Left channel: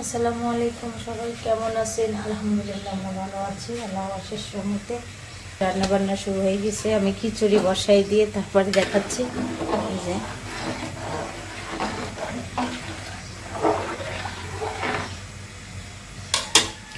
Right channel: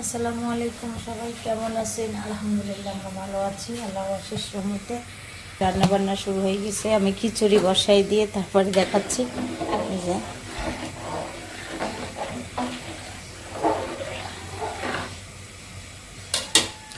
আসসালামু আলাইকুম, সবাই কেমন আছেন? আলহামদুলিল্লাহ আমরা ভালো আছি, আল্লাহর অশেষ রহমতে। রান্না বান্না শুরু হয়ে গেছে। আমি খিচুড়ি বসাই দিয়ে তারপরে দেখাচ্ছি। এই যে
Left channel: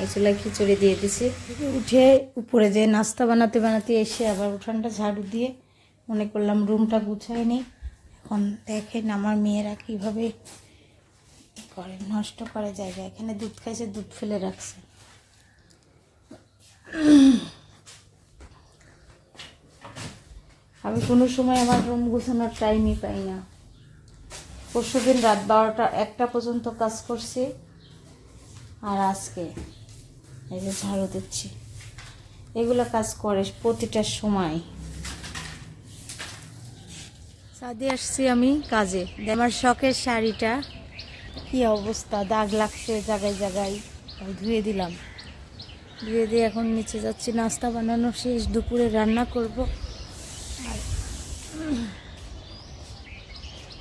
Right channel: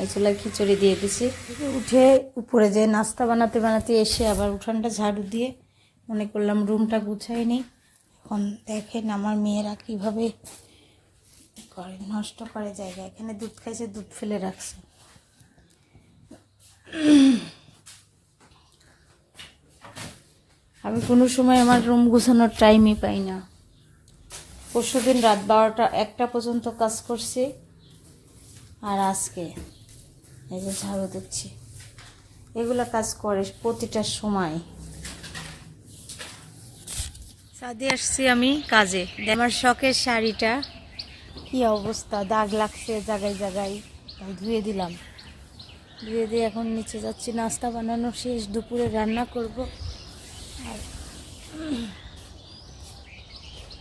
এই চুলায় খিচুড়ি দিয়ে দিছি। উঠে উপরে যে নাস্তা বানাতে বানাতে এসে আবার উঠানটা ঝাড়ু দিয়ে মনে করলাম রুমটা গুছাই নেই। এখন দেখেন আমার মেয়েরা কিভাবে করে, নষ্ট করে জায়গা। এখানে দুধ খাইছে, দুধ ফেলে রাখছে। আমি কোনো সময় আমার রুম গুছানোর টাইমই পাই না। পরশুদিন রাত 12টা 1টা পর্যন্ত কাজ করছি, আর আজকে এই যে ঝাড়ু দিচ্ছি। এগুলো কাজ করে প্রতিটা সময়। ছাদে আসছি আমি কাজে। আমার শখের শাড়িটা কি অবস্থা, দাগ লাগছে জায়গায় জায়গায়। ধুয়ে দিলাম, ধুয়ে দিয়ে এখন নিচে যাচ্ছি। নাস্তা বানানো শেষ, দুপুরে রান্না করব। আর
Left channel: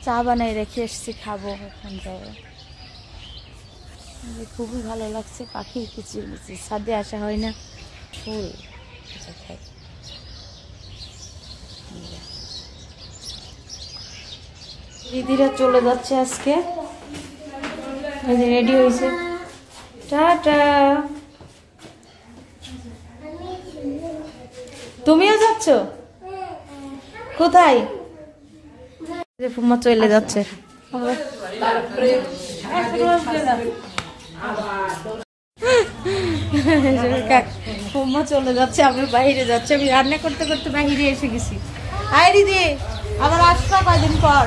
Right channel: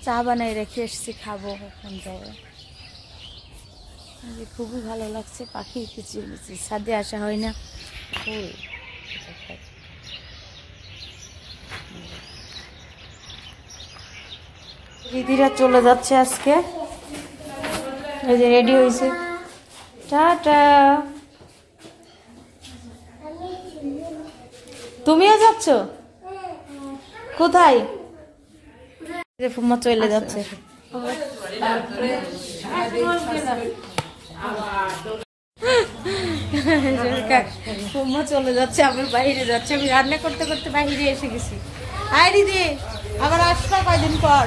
চা বানাই রেখে এসছি, খাবো এখন যাই। খুবই ভালো লাগছে, পাখির কিচিরমিচির। ছাদে আসা হয় না, ফুল খাই। দিদিরা চলে যাচ্ছে আজকে। এই যে রেডি হয়েছে, টাটা। তুমিও যাচ্ছ? কোথায়? ফুম্মা চলে যাচ্ছে। ফুম্মা চলে যাচ্ছে, আমি বাইরে যাচ্ছে। আমি রান্না করতে করতে বাইরে এসে গেছি। আয় দিদি, আবার আসবা কয়দিন পর।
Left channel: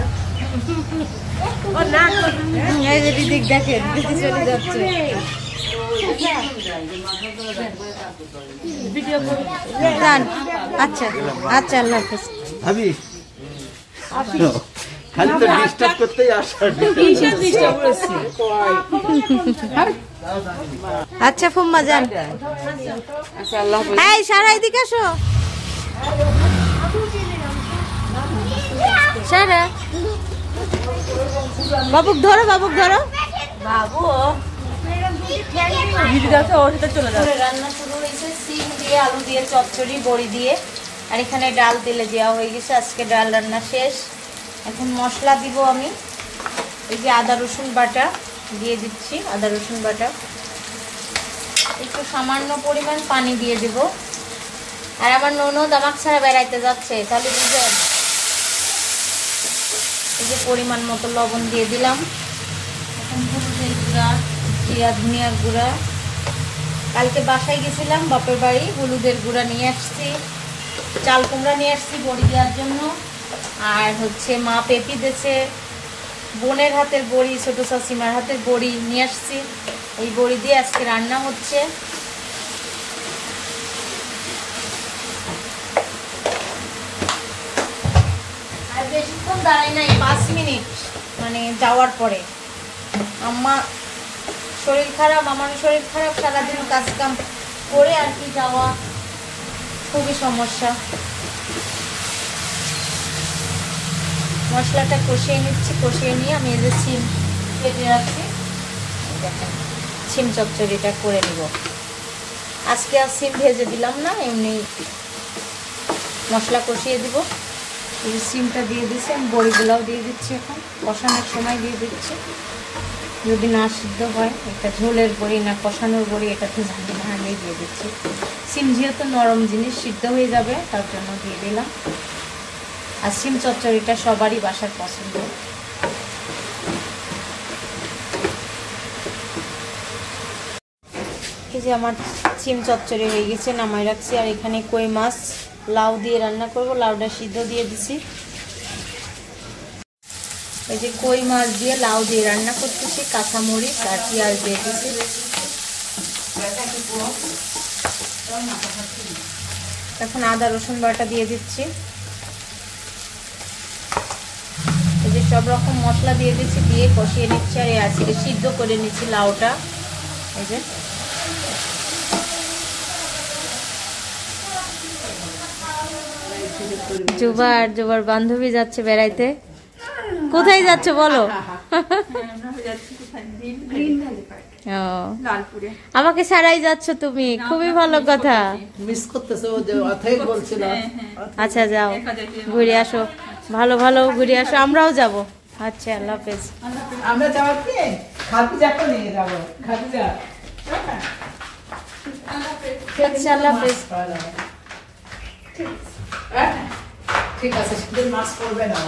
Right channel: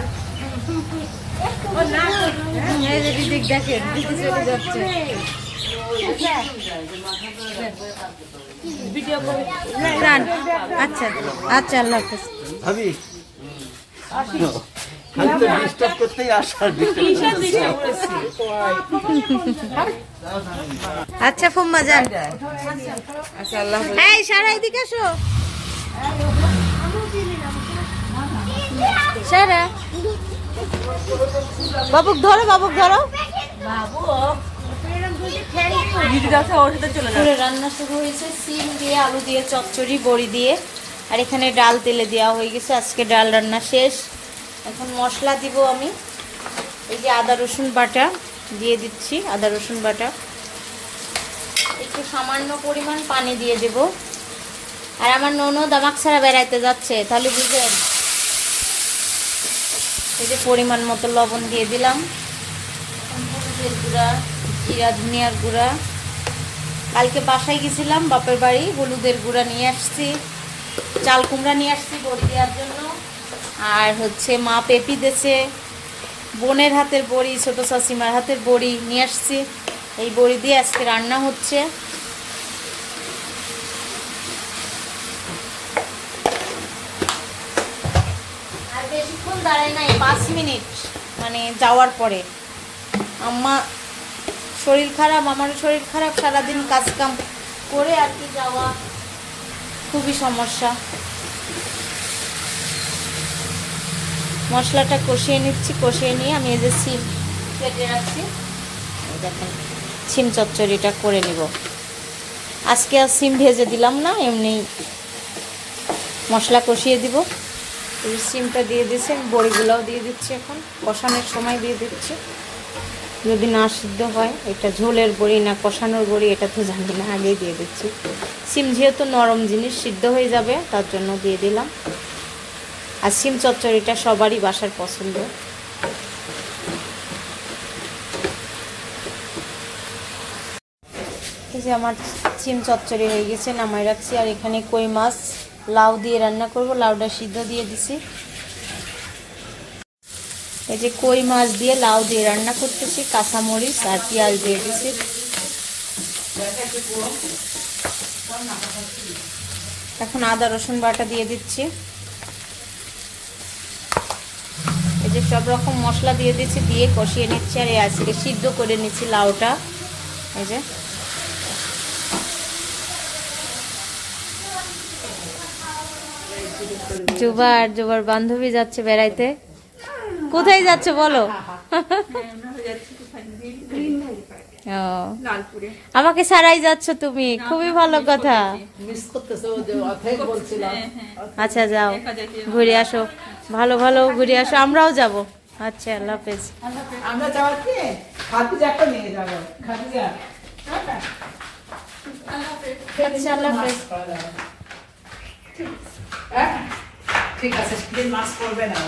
দিদি দেখেন, দিদি চলে যাচ্ছে। আচ্ছা আচ্ছা, আল্লাহ হাফেজ। আচ্ছা ফুম্মা যান। এই সারা এদিকে আসো। সারা বাবুক ধরো, বাবুক ধরো। বাবু রান্না শুরু হয়েছে। সিম দিয়ে, আলু দিয়ে চচ্চড়ি, বড়ি দিয়ে। আর এখানে ডাল তেলে দেওয়া হয়ে গেছে। আজকে ডাল রান্না শেষ। এখন মশলা দিব আমি। এই যে আদা রসুন বাটা দিয়ে দিচ্ছি, আদা রসুন বাটা। একটু সামান্য পরিমাণ পানি দিয়ে দেব। আর আমার ননদ আমাকে ছাড়া বেড়াইতে যাচ্ছে, তাহলে বুঝলেন। এই যে পরিমাণ মতো লবণ দিয়ে দিলাম, হলুদের গুঁড়া, জিরা ধনিয়ার গুঁড়া। কালকে বাসায় গেছিলাম বাপের বাড়ি, হলুদের গুঁড়া নিয়ে আসছি, চাল কুমড়া নিয়ে আসছি বড়ি দেওয়ার জন্য। আর হচ্ছে মা পেঁপি দিয়েছে, বোনের হাতের বড়ি, ছোট শাশুড়িমার হাতের বড়ি নিয়ে আসছি। এই বড়ি দিয়ে আজকে রান্না হচ্ছে। আর বেশিক্ষণ দাঁড়ায় নাই, 5 মিনিট মানে যাওয়ার পরে। আম্মা শরীর খারাপ, আমারও শরীর খারাপ, সারাদিন কাজ কাম করে আর কি যাওয়া খুবই সমস্যা। মশলাটা কষিয়ে নিচ্ছি, কষিয়ে নিয়ে আমি এই যে সিম কেটে রাখছি, দেখেন সিম চচ্চড়িটা করে নিব। আজকে আর সিম ভেজে দিলাম না, এমনি মশলা কষিয়ে দিব। এই সিমটা দিয়ে দিচ্ছি, বড়িগুলাও দিয়ে দিচ্ছি। এখন কষানোর সময় দিয়ে দিচ্ছি। যদি না সিদ্ধ হয়, এটা ঝোলের বড়ি না কষানোর বড়ি এটা তো জানি না, আগেই দিয়ে দিচ্ছি। সিম যেহেতু নরম জিনিস, সিদ্ধ হয়ে যাবে, তার জন্য দিয়ে দিলাম। আর সিম চচ্চড়িটা সবারই বাসার পছন্দ। এই যে আমার সিম চচ্চড়ি হয়ে গেছে, নামাই রাখছি। আর এখানে কই মাছ লাউ দিয়ে রান্না করব, লাউটা সিদ্ধ দিয়ে দিছি। এই যে কই মাছ দিয়ে লাউ দিয়ে রান্না করতেছি, কাঁচামরিচ আর পেঁয়াজ দিয়ে দিছি। এখন আদা রসুন বাটা দিয়ে দিচ্ছি। এই যে সব রকম মশলা দিয়ে দিচ্ছি, দিয়ে কষিয়ে নিচ্ছি। আর আজকে সিদ্ধ করে নিচ্ছি লাউটা। এই যে জুবার বান্ধবী যাচ্ছে বেড়াইতে। কোথায় যাচ্ছে বলো? লালপুরে। আমাকে ছাড়াই যাচ্ছ তুমি, খুবই ভালো কথা। মিস করতেছো যে অথাই বলছিল। আচ্ছা যাও, ঘুরে আসো, ভালো ভালো ঘুরে আসো, আমরাও যাব। আচ্ছা, আল্লাহ হাফেজ। আমরা যাওয়ার কি খাদিজাকে নিয়ে যাব। খাদিজা, আচ্ছা, আল্লাহ হাফেজ। ঠিক আছে, সেদিন মাছ করবে না।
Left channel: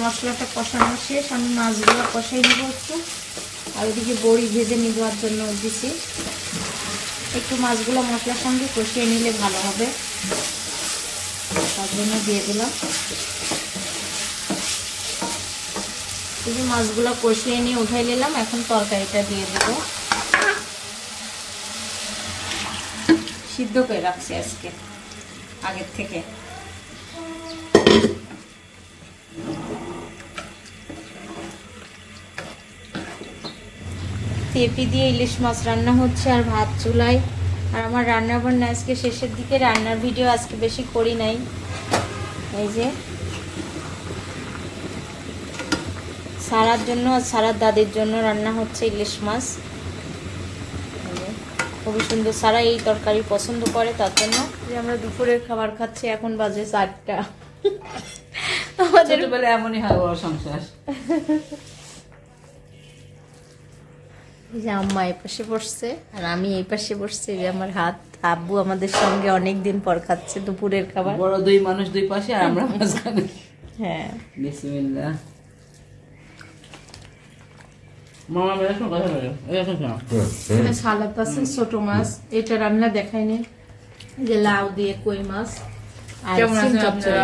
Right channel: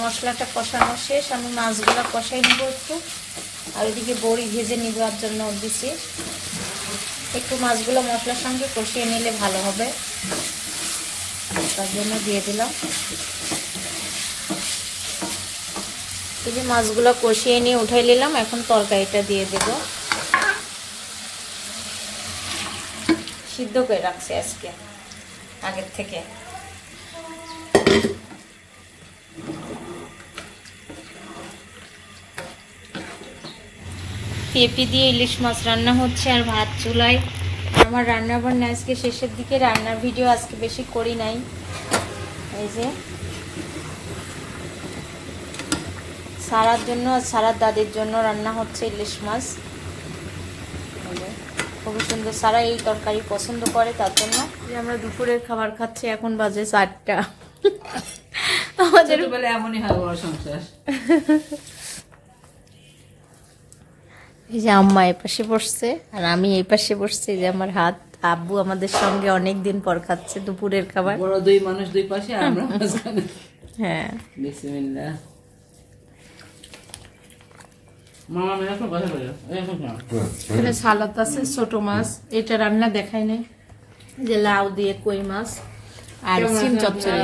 মশলাটা কষানো শেষ, আমি মাছগুলো কষাই নিব একটু, আর ওইদিকে বড়ি ভেজে নেওয়ার জন্য দিছি। একটু মাছগুলো মশলার সঙ্গে কষিয়ে নিলে ভালো হবে, তার জন্য দিয়ে দিলাম। এই যে মাছগুলো কষিয়ে নিয়ে উঠাই নিলাম, এখন তরকারিটা দিয়ে দেবো। সিদ্ধ করে রাখছি আজকে আগের থেকে। পেঁপে দিয়ে ইলিশ মাছ রান্না হচ্ছে আর ভাত চুলায়। আর আমার রান্না বান্না আজকে শেষের দিকে, রান্নার ভিডিও আজকে বেশি করি নাই। এই যে সারার জন্য আর সারার দাদির জন্য রান্না হচ্ছে ইলিশ মাছ। খুবই সুন্দর, সারা এই তরকারি পছন্দ করে, তার জন্য আমরা দুপুরের খাবার খাচ্ছি। এখন বাজে 4টা। আমাদের বলে এমনই হয় ওর সংসার। এই যে আম্মা এই পাশে বসছে আর আমি এই পাশে বসছি, যে আমার হাত। আব্বু আমাদের সঙ্গে অনেকদিন পর খাচ্ছে দুপুরের খাবার। বড় দুই মানুষ দুই পাশে, আমরা মাঝখানে। হ্যাঁ, বিসমিল্লাহ। মামা বেরাসন কথা বলো, এরকম না। এখানে সালাদ আছে, ছোট মাছ, এটা রান্না দেখাই নাই, যে লাউ দিয়ে কই মাছ আর সিম চচ্চড়ি।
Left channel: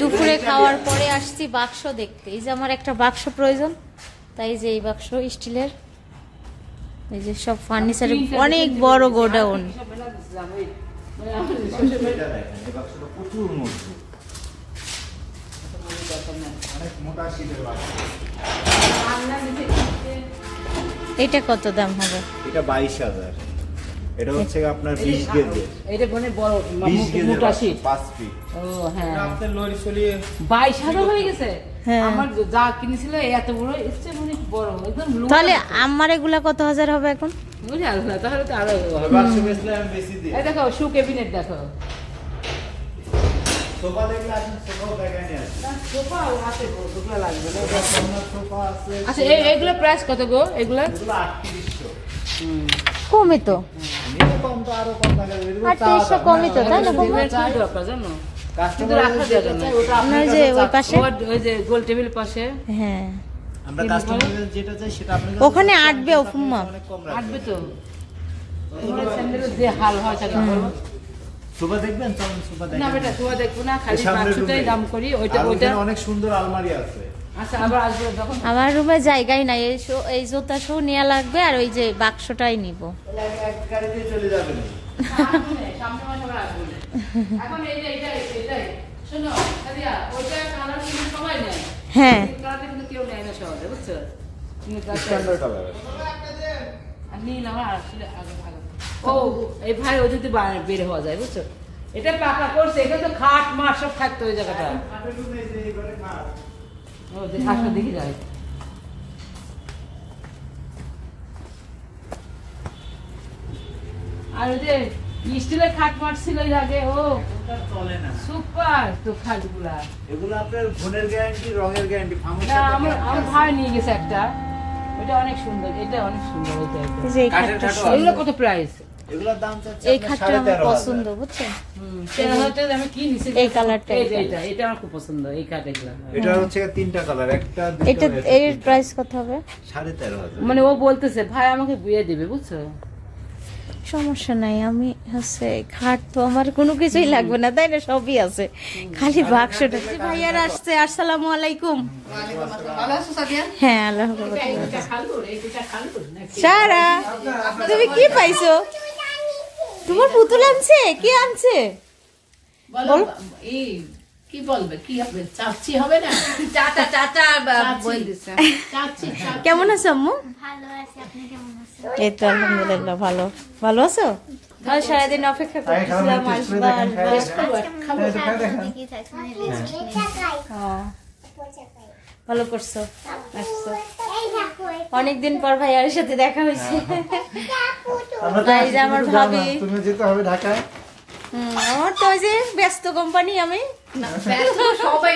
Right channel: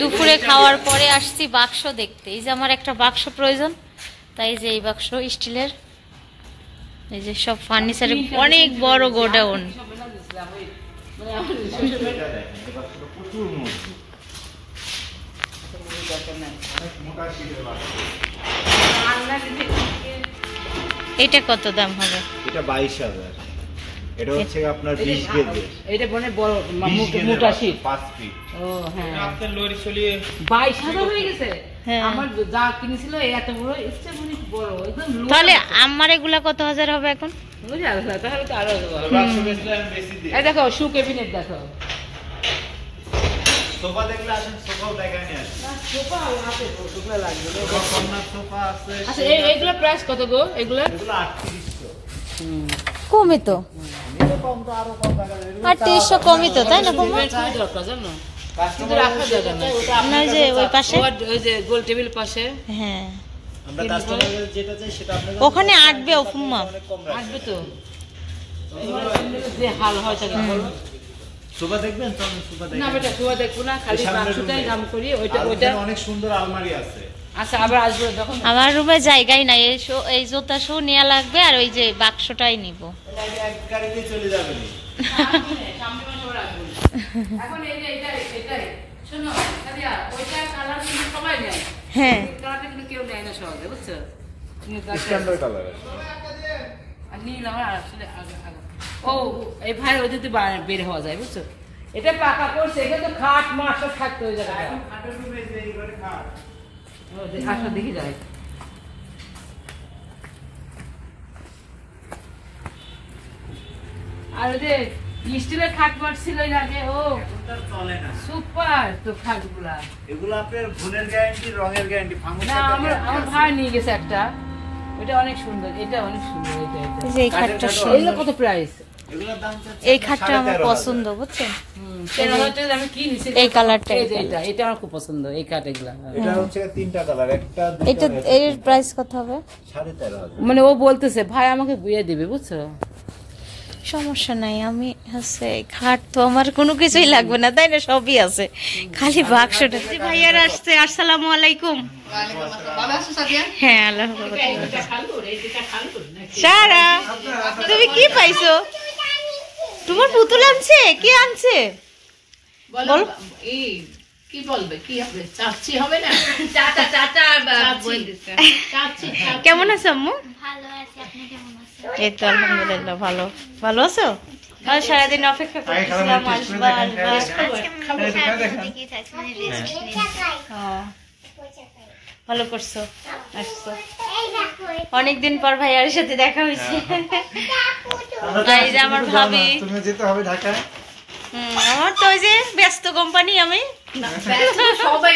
দুপুরে খাওয়ার পরে আসছি বাক্স দেখতে। এই যে আমার একটা বাক্স প্রয়োজন, তাই যে এই বাক্স স্টিলের, এই যে সব ফার্নিচারের অনেক বড় গোডাউন। এটা কত দাম হবে? এটা 22,000। এটা হচ্ছে আপনার 20 গেজের। এটা বনে বড় 20 গেজের মোটা শীট। 5 ফিট। ও হ্যাঁ, আপনার লরি চলিয়ে 22,000 হয়ে গেছে। হ্যাঁ। আমার যা কিনেছিল এত বড়, এসছে অনেক বড়, একদম লোহা। তাহলে আমার এগুলা কত হাজার হবে এখন? বুঝে আসলে তাহলে তো আরো বাক্স বেচলে আমি বেশি দিই। এই দেখো শু ক্যাবিনেট দেখো। সোফা দেখলে আসেন, সোফাও দেখা নিয়ে আসেন। না সোফা আছে, সোফা লাগবে না। আপনার সোফা আছে। আচ্ছা এইগুলো প্রাইস কত গো এগুলো? এগুলো 3800। কমে তো, নিলে কম তো আরো কম টাকা দেবে। 3800 কমই তো, তাই না? কম কি দরকার জানো? কিন্তু কাস্টমার রাখা যাবে না। না, ওই যে ওই পাশে। ওই যে গোল টেবিল পাশে হ্যাঁ, আমরা কাস্টমারের যেটা চাই সেটা আপনাদের ওখানে আটবে ওফুম্মা। কম রাখা। আসবে তো। তোমার স্যান্ডেলের যে হাল হয় থাকে বলো। সোফা দেখবেন? চলুন সোফা না দেখেন। বেটা তোমার দেখবো না, খালি সামনের বাক্সটাই রুমে। দাম করি। ওইটা আর ওইটা ওখানে অনেক সুন্দর আলমারি আছে। আচ্ছা আবার আসবে যখন। আমার রুমে জায়গাই নাই, এই জুতা শু নেওয়া লাগবে, আর ওই যে বাক্সটাই নিব। তাহলে এক গাড়িতে চলে যাবেন। সামনে মাসে আবার আসবে। এখন এই যে এটাই শোনো সাদিয়া, ওইটা কালার কিন্তু সবাই নেয়। হ্যাঁ, এই কালারটা কিন্তু কেউ নেয় না সহজে, বুঝছো? কিন্তু স্ট্যান্ডার্ড কালার আছে। আর নীল আমার আসলে আগে। ও এই ভাই ওদের বের হওয়া যায়, বুঝছো? এটা পাকা করছে, এটা তো খাট মার সব থাকতো ওই জায়গাটা। খাটের রুমে যে এই ঘরে খাট। ও যে খাটটা দেখি যায়। আর ওই যে স্টিলের খাট মারছিল এর আগে, ও এখন তার চলে না। সুপার তো খাটগুলা। এগুলো আপনার গুণের গ্যারান্টি, রঙের গ্যারান্টি। না আমার ভাই নিয়ে গেছে একটা, ওইটা অনেক সুন্দর, এটা অনেক সুন্দর। এটা এই যে এই খাটটা এগুলো কত প্রাইস? এগুলোর দাম চাচ্ছে এই খাটটা আমার পছন্দ, বুঝছেন? আমি কি নিছি এই কালারটা, এটা আমার খুব পছন্দ, এই কাঠ এগুলা। এটা হচ্ছে 3টা কালার, একটা এটা এর প্রাইস কত হবে? 13,500। মানে ও বলতেছে ভাই আমাকে বুঝিয়ে দিবে, বুঝছো? সমস্যা নাই, আমি হচ্ছে খাট তো আমার কোনো কিছুই লাগবে না, তাই না? সবই আছে, খালি বাক্সটা। ভাইয়ার আসছে, আসসালামু আলাইকুম। হ্যাঁ, আল্লাহ সারা, তুমি কি পাইছো? তোমার পুতুল আনছে? কে আনছে বল? কি বলবে, কি হবে? চাচি হবে না? চাচা চাচা বলছে। চাচি কেমন আছো আম্মু? ভালো আছি, আপনি কেমন আছেন? এই তো আলহামদুলিল্লাহ ভালো। ভালো আছো? আর সারাদিন অপেক্ষা করতেছিলাম আসবা আসবা। আজকে আমি সারাদিন দেখি থাকছি, মানে রেস্ট নেই। ও, ভালো করছো, আসছো। অনেকদিন পর ভাইয়ার সাথে দেখা হয়েছে। এই যে আমার ভাবি, তুমি যেতে হবে ঢাকায়। আমার তো ওই যে ব্যস্ত কোম্পানি, আমি সবাই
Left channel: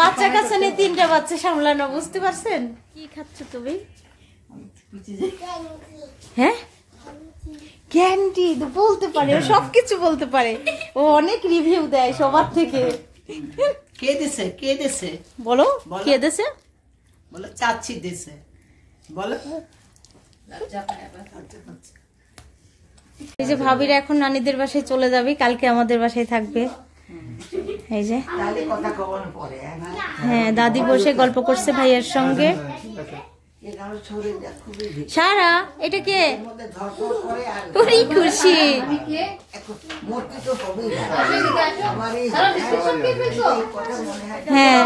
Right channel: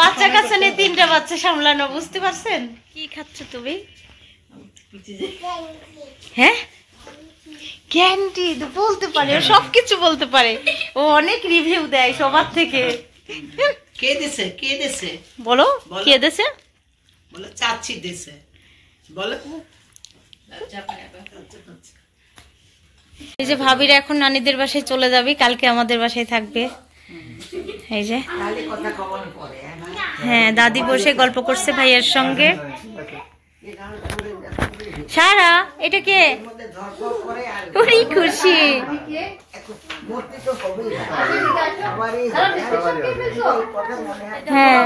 বাচ্চা কাছে নিয়ে 3টা বাচ্চা সামলানো, বুঝতে পারছেন? কি খাচ্ছ তুমি? হ্যাঁ, ক্যান্ডি বলতে পারে, ও সবকিছু বলতে পারে, ও অনেক রিভিউ দেয় সবার থেকে। কে দিছে কে দিছে বলো কে দেছে? বলে চাচি দিছে বলে। এই যে ভাবিরা এখন নানিদের বাসায় চলে যাবে, কালকে আমাদের বাসায় থাকবে। এই যে তাহলে কথা কখন পরে হ্যাঁ, দাদি বসে গল্প করছে ভাইয়ের সঙ্গে। সারা এটা কে? ওরে খুশি। হ্যাঁ,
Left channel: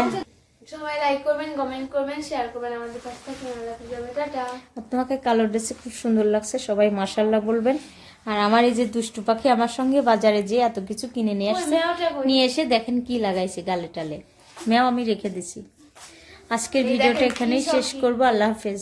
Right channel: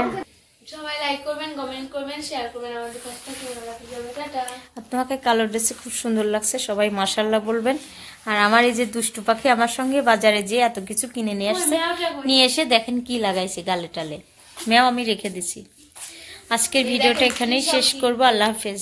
সবাই লাইক করবেন, কমেন্ট করবেন, শেয়ার করবেন আমাদের কাজটা কেমন লাগবে। টাটা। আর তোমাকে কালো ড্রেসে খুব সুন্দর লাগছে, সবাই মাশাআল্লাহ বলবেন। আর আমার এই যে দুষ্টু পাখি আমার সঙ্গে বাজারে যে এত কিছু কিনে নিয়ে আসছে, নিয়ে এসে দেখেন কি লাগাইছে গালে টালে। ম্যাও আমি রেখে দিছি। আজকের ভিডিওটা এখানেই শেষ করবো। আল্লাহ হাফেজ।